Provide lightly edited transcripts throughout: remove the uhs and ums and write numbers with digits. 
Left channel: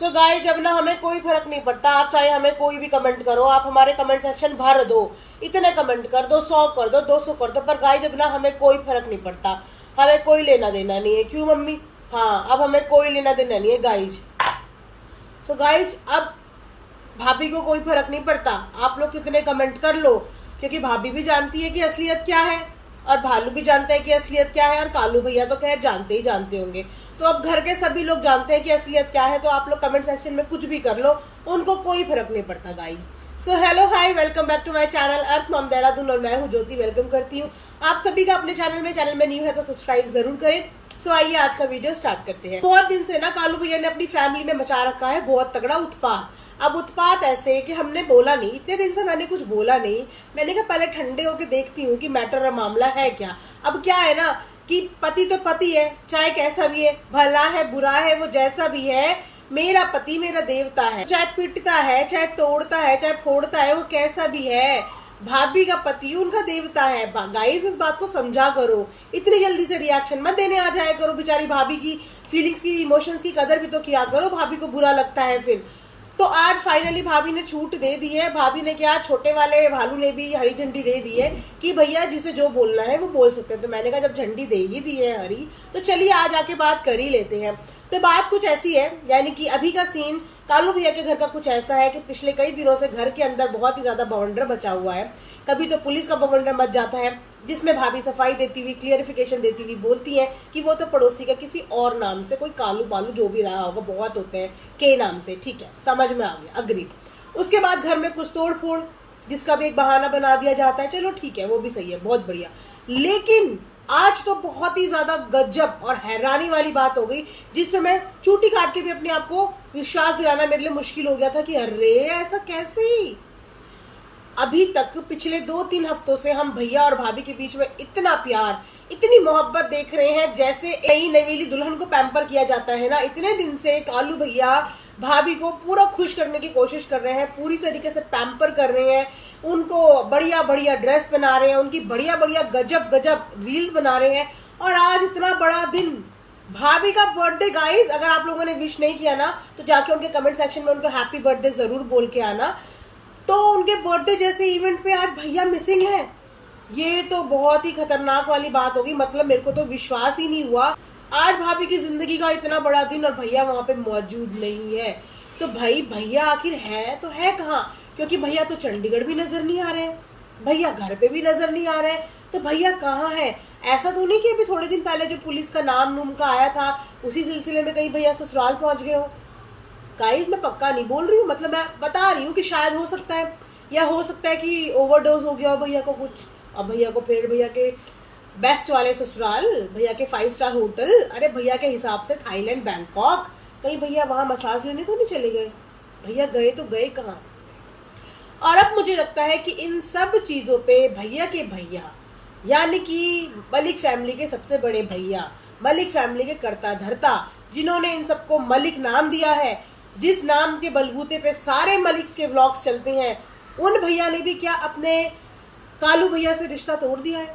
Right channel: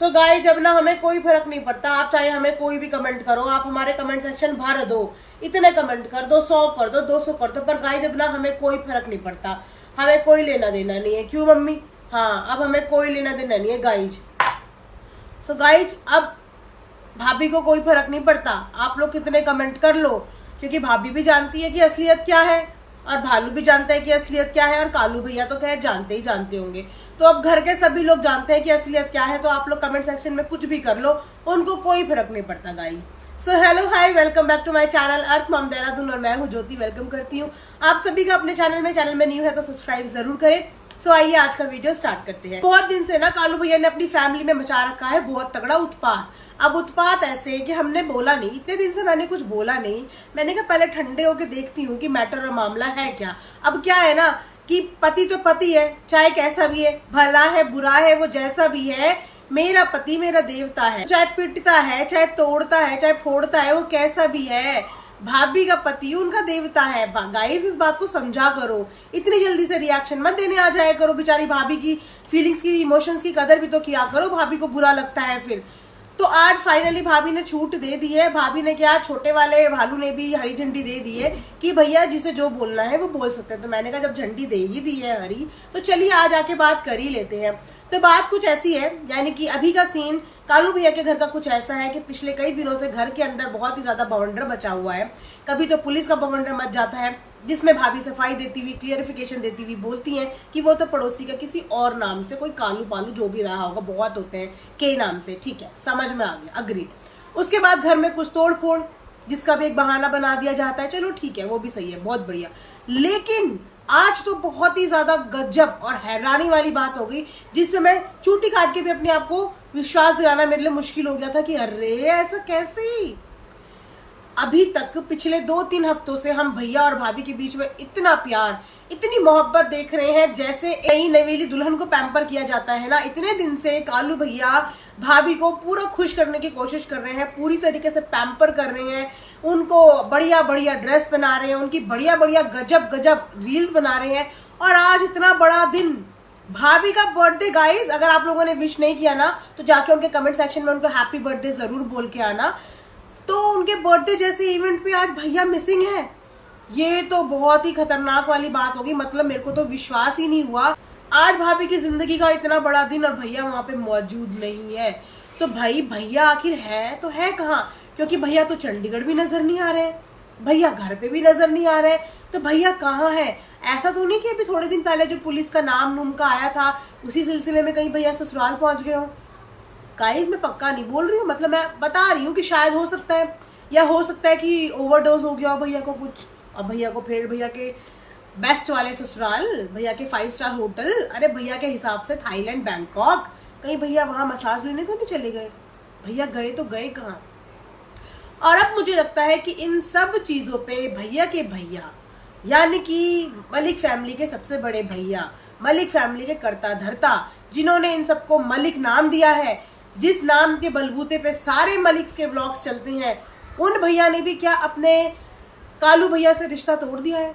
So guys, जब ना हमें कोई फर्क नहीं पड़ता, आप चाहे हमें कोई भी कमेंट करो, आप हमारे कमेंट सेक्शन भर दो, इतने कमेंट कर दो, 100 कर दो, 200 कर दो, पर गाइस जब ना हमें कोई फर्क नहीं पड़ता, हमें कोई लेना देना नहीं है। क्यों मम्मी? हाँ, अब हमें कोई लेना देना नहीं है गाइज। सो गाइज, अब भाभी को कोई फर्क नहीं पड़ता, आप लोग कितने कमेंट कर लो, क्योंकि भाभी भी जानती है कि असलियत क्या है और भालू भी जानता है कि असलियत क्या है, और कालू भैया तो खैर जानते ही जानते होंगे। तो अब घर के सभी लोग जानते हैं कि असलियत क्या है, तो आप लोग कमेंट सेक्शन में कुछ भी कर लो, उनको कोई फर्क नहीं पड़ता guys. So hello hi, welcome back to my channel Earth Mom Dehradun, और मैं हूँ ज्योति। वेलकम करती हूँ आप सभी का अपने चैनल में न्यू है तो सब्सक्राइब जरूर करें। सो आइए आज का वीडियो स्टार्ट करते हैं। बहुत दिन से ना कालू भैया ने अपनी फैमिली में मचा रखा है बहुत तगड़ा उत्पात। अब उत्पात ऐसे कि हमने बोला नहीं, इतने दिन से मैंने कुछ बोला नहीं। मैंने कहा पहले ठंडे होके देखती हूँ कि मैटर और मामला है क्या। अब क्या है ना कि पति तो पति है, चाहे कैसा भी है, भला है बुरा है, वो जैसा भी है, मेरा पति मेरा देवता है। चाहे पीटता है, चाहे तोड़ता है, चाहे फोड़ता है, वो कैसा भी है, भाभी का पति उनका देवता है। गाइस, इस बात को समझा करो, इतनी जल्दी से रिएक्शन मत देने आ जाया करो। बेचारी भाभी की फीलिंग्स की, इमोशंस की कदर भी तो किया करो, भाभी को बुरा लगता है फिर। तो आज फाइनली भाभी ने छूट दे दी है। भाभी ने क्या, छोटे वाले भालू ने भी हरी झंडी दे दी है कि भैया जिसे जो बोलना है वो बोल सकते हैं। तो मैंने कहा जब झंडी दे ही दी है हरी, तो चलिए आज आके बात कर ही लेते हैं। तो बात कुछ ऐसी है, यानी कि अभी का सीन कालू भैया के घर का कुछ ऐसा है कि पिछले कई दिनों से घर के अंदर बहुत ही ज्यादा बवंडर मचा हुआ है। कभी तो पुलिस का बवंडर मच जाता है, जिसमें भाभी सफाई देती हुई, क्लियरिफिकेशन देती हुई बोलती हैं कि वो तो पड़ोसी का किसी और नाम से, कोई कालू पालू जो भी रहा होगा, बहुत होते हैं के नाम से, ठीक है, समझ में आ गया, अग्री। उसके बाद घर में कुछ तोड़ फोड़, जिसका भी एक बहाना बना दिया जाता है, चलो ठीक है, वो भी सही है, बहुत बढ़िया। लेकिन आज तो बहुत ही ज्यादा गजब और हैरानी वाली बात हो गई, जिसमें मैं चूटी काट के भी अपने आप को विश्वास दिलाना मेरे लिए मुश्किल हो गया था कि अरे ऐसा कैसे। अभी तक पिछले 2-3 हफ्तों से हम भैया और भाभी के बीच में इतना प्यार, इतनी मोहब्बत देख रहे हैं, जैसे नई नवेली दुल्हन को पैम्पर किया जाता है ना। इतने दिन से कालू भैया भाभी को पूरा खुश करने की कोशिश कर रहे हैं, पूरी तरीके से पैम्पर कर रहे हैं, उनको बढ़िया बढ़िया ड्रेस बना रहे हैं, उनकी बढ़िया बढ़िया गजब गजब रील्स बना रहे हैं। और आज इतना बड़ा दिन, भाभी का बर्थडे। गाइस, अगर आप लोगों ने विश नहीं किया ना, तो जाके उनके कमेंट सेक्शन में उनको हैप्पी बर्थडे जरूर बोल के आना। तो उनके बर्थडे जैसे इवेंट पे आज भैया मिसिंग है, ये तो बहुत ही खतरनाक वाली बात होगी। मतलब मेरे को तो विश्वास ही नहीं हुआ, आज भाभी की जिंदगी का इतना बड़ा दिन और भैया वहां पे मौजूद नहीं है। तो भाई भैया आखिर है तो है कहाँ? क्योंकि भैया तो चंडीगढ़ भी नजर नहीं आ रहे, भैया घर पे भी नजर नहीं आ रहे, तो भैया कहाँ है? ऐसा तो नहीं कि अभी थोड़े दिन पहले जो पुलिस का नाम नूम का आया था, उसी सिलसिले में कहीं भैया ससुराल पहुंच गए हो। गाइस, मैं पक्का नहीं बोल रही हूँ, मतलब मैं बता रही हूँ कि शायद हो सकता है, या हो सकता है कि ओवरडोज हो गया हो भैया को कुछ, और भैया को फिर भैया के बेस्ट वाले ससुराल, भैया के 5 स्टार होटल, अरे भैया के हिसाब से थाईलैंड, बैंकॉक, कहीं भैया वहां मसाज लेने तो नहीं चले गए? भैया गए तो गए कहाँ? और अब मुझे लगता है कि इन सब चीजों पे भैया के भैया, यानी कि मलिक फैमिली के सबसे बड़े भैया, मलिक फैमिली के कर्ता धर्ता, जिन्होंने इन सबको मलिक नाम दिया है, जिस नाम के बलबूते पे सारे मलिक्स के व्लॉग्स चलते हैं, उन भैया ने भी क्या अपने कालू भैया से रिश्ता तोड़ दिया है?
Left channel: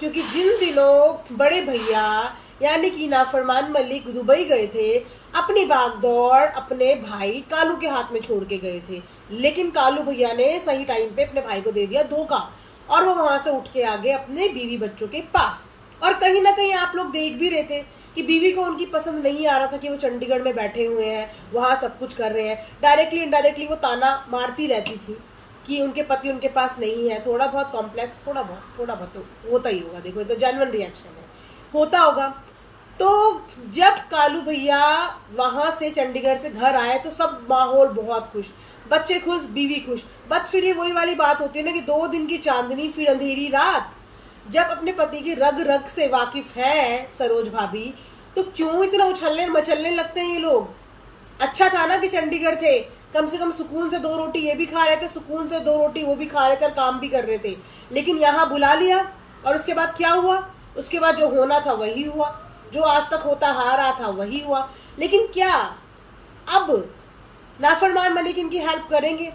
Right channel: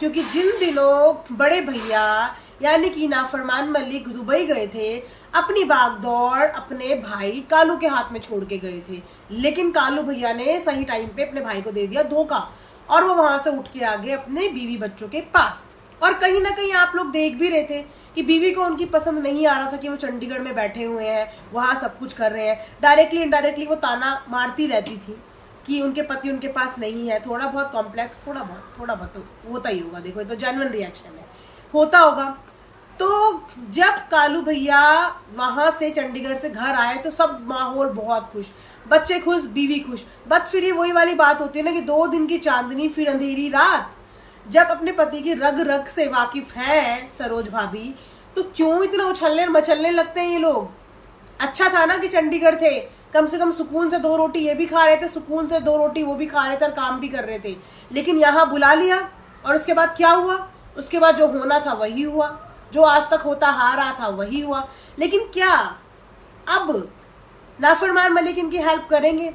क्योंकि जिन दिनों बड़े भैया यानी कि नाफरमान मलिक दुबई गए थे, अपनी बागदौड़ अपने भाई कालू के हाथ में छोड़ के गए थे, लेकिन कालू भैया ने सही टाइम पे अपने भाई को दे दिया धोखा, और वो वहां से उठ के आ गए अपने बीवी बच्चों के पास। और कहीं ना कहीं आप लोग देख भी रहे थे कि बीवी को उनकी पसंद नहीं आ रहा था कि वो चंडीगढ़ में बैठे हुए हैं, वहां सब कुछ कर रहे हैं। डायरेक्टली इनडायरेक्टली वो ताना मारती रहती थी कि उनके पति उनके पास नहीं है। थोड़ा बहुत कॉम्प्लेक्स, थोड़ा बहुत तो होता ही होगा, देखो ये तो जेन्युइन रिएक्शन है, होता होगा। तो जब कालू भैया वहां से चंडीगढ़ से घर आए तो सब माहौल बहुत खुश, बच्चे खुश, बीवी खुश। बट फिर ये वही वाली बात होती है ना कि 2 दिन की चांदनी फिर अंधेरी रात। जब अपने पति की रग रग से वाकिफ है सरोज भाभी, तो क्यों इतना उछलने मचलने लगते हैं ये लोग? अच्छा था ना कि चंडीगढ़ थे, कम से कम सुकून से 2 रोटी ये भी खा रहे थे, सुकून से 2 रोटी वो भी खा रहे थे, और काम भी कर रहे थे। लेकिन यहाँ बुला लिया, और उसके बाद क्या हुआ? उसके बाद जो होना था वही हुआ, जो आज तक होता आ रहा था वही हुआ। लेकिन क्या अब नाफरमान मलिक इनकी हेल्प करेंगे?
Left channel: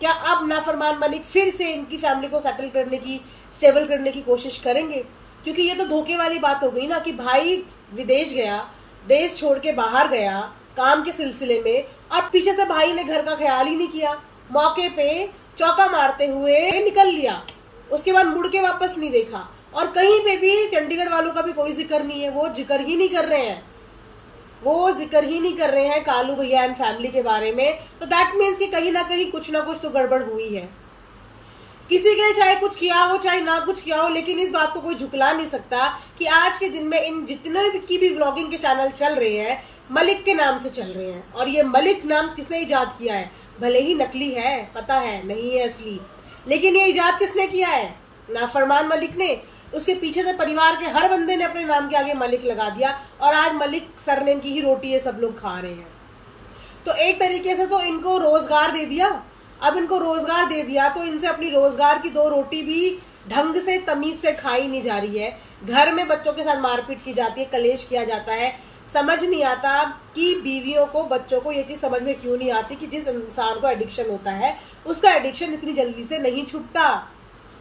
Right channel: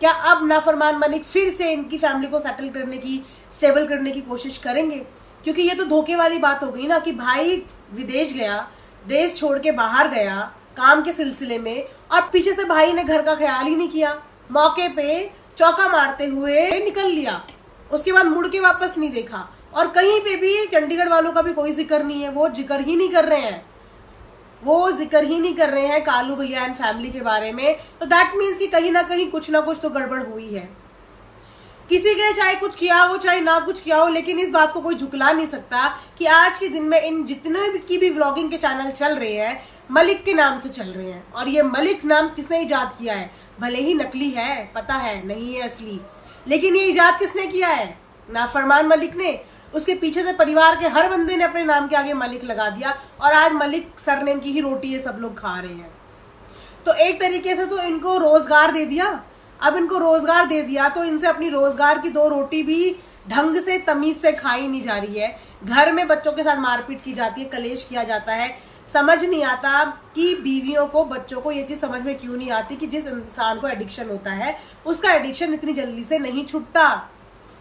क्या अब नाफरमान मलिक फिर से इनकी फैमिली को सेटल करने की, स्टेबल करने की कोशिश करेंगे? क्योंकि ये तो धोखे वाली बात हो गई ना कि भाई विदेश गया, देश छोड़ के बाहर गया, काम के सिलसिले में, और पीछे से भाई ने घर का ख्याल ही नहीं किया, मौके पे चौका मारते हुए निकल लिया, उसके बाद मुड़ के वापस नहीं देखा। और कहीं पे भी चंडीगढ़ वालों का भी कोई जिक्र नहीं है, वो जिक्र ही नहीं कर रहे हैं कालू भैया एंड फैमिली के बारे में। तो दैट मीन्स कि कहीं ना कहीं कुछ ना कुछ तो गड़बड़ हुई है। किसी के लिए चाहे कुछ किया हो चाहे ना कुछ किया हो, लेकिन इस बात को कोई झुकला नहीं सकता कि आज के दिन में इन जितने की भी व्लॉगिंग के चैनल चल रहे हैं मलिक के नाम से चल रहे हैं। और ये मलिक नाम किसने इजाद किया है? भले ही नकली है, पता है नहीं है असली, लेकिन ये इजाद किसने किया है? नाफरमान मलिक ने। उसके पीछे से परिवार के हर बंदे ने अपने नाम के आगे मलिक लगा दिया, और आज मलिक सरनेम की ही रोटी ये सब लोग खा रहे हैं। तो एक तरीके से तो इनको रोजगार दे दिया। अब इनको रोजगार दे दिया तो इनसे अपनी रोजगार की 2 रोटी भी ढंग से तमीज से खाई नहीं जा रही है। घर में बच्चों के साथ मारपीट की जाती है, कलेश किया जाता है। समझ नहीं आता कि बीवियों को, बच्चों को ये चीज समझ में क्यों नहीं आती कि जिस इंसान को एडिक्शन होता है उसका एडिक्शन इतनी जल्दी से नहीं छूटता।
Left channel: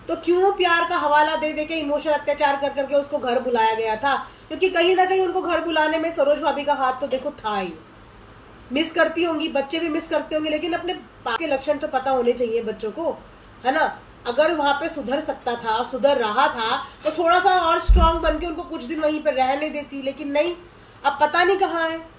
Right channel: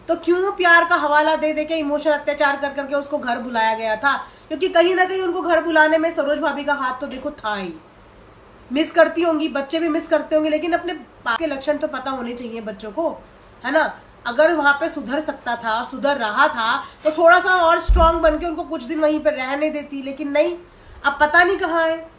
तो क्यों प्यार का हवाला दे दे के इमोशनल अत्याचार कर करके उसको घर बुलाया गया था? क्योंकि कहीं ना कहीं उनको घर बुलाने में सरोज भाभी का हाथ तो देखो था ही। मिस करती होंगी, बच्चे भी मिस करते होंगे, लेकिन अपने बाप के लक्षण तो पता होने चाहिए बच्चों को, है ना। अगर वहां पे सुधर सकता था, सुधर रहा था, तो थोड़ा सा और स्ट्रांग बन के उनको कुछ दिन वहीं पर रहने देती, लेकिन नहीं। अब पता नहीं कहाँ है,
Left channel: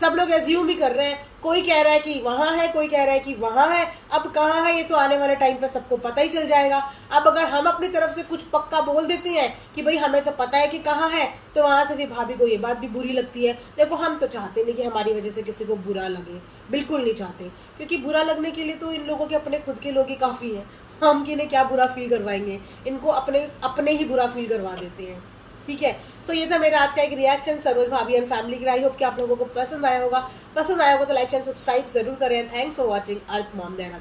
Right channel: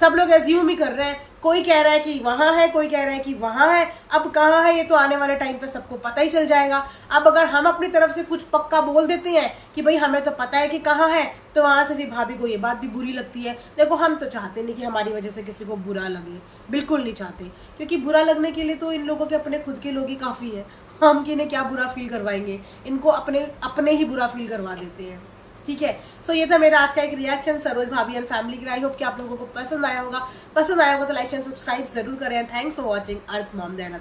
सब लोग एज्यूम ही कर रहे हैं। कोई कह रहा है कि वहां है, कोई कह रहा है कि वहां है। अब कहाँ है ये तो आने वाले टाइम पे सबको पता ही चल जाएगा। अब अगर हम अपनी तरफ से कुछ पक्का बोल देते हैं कि भाई हमें तो पता है कि कहाँ है, तो वहां से भी भाभी को ये बात भी बुरी लगती है। देखो, हम तो चाहते नहीं कि हमारी वजह से किसी को बुरा लगे, बिल्कुल नहीं चाहते, क्योंकि बुरा लगने के लिए तो इन लोगों के अपने खुद के लोग ही काफी हैं। हम किन्हें क्या बुरा फील करवाएंगे, इनको अपने ही बुरा फील करवा देते हैं। ठीक है, सो ये था मेरा आज का एक रिएक्शन सरोज भाभी एंड फैमिली का। आई होप कि आप लोगों को पसंद आया होगा तो लाइक एंड सब्सक्राइब जरूर करें। Thanks for watching earth mom देना।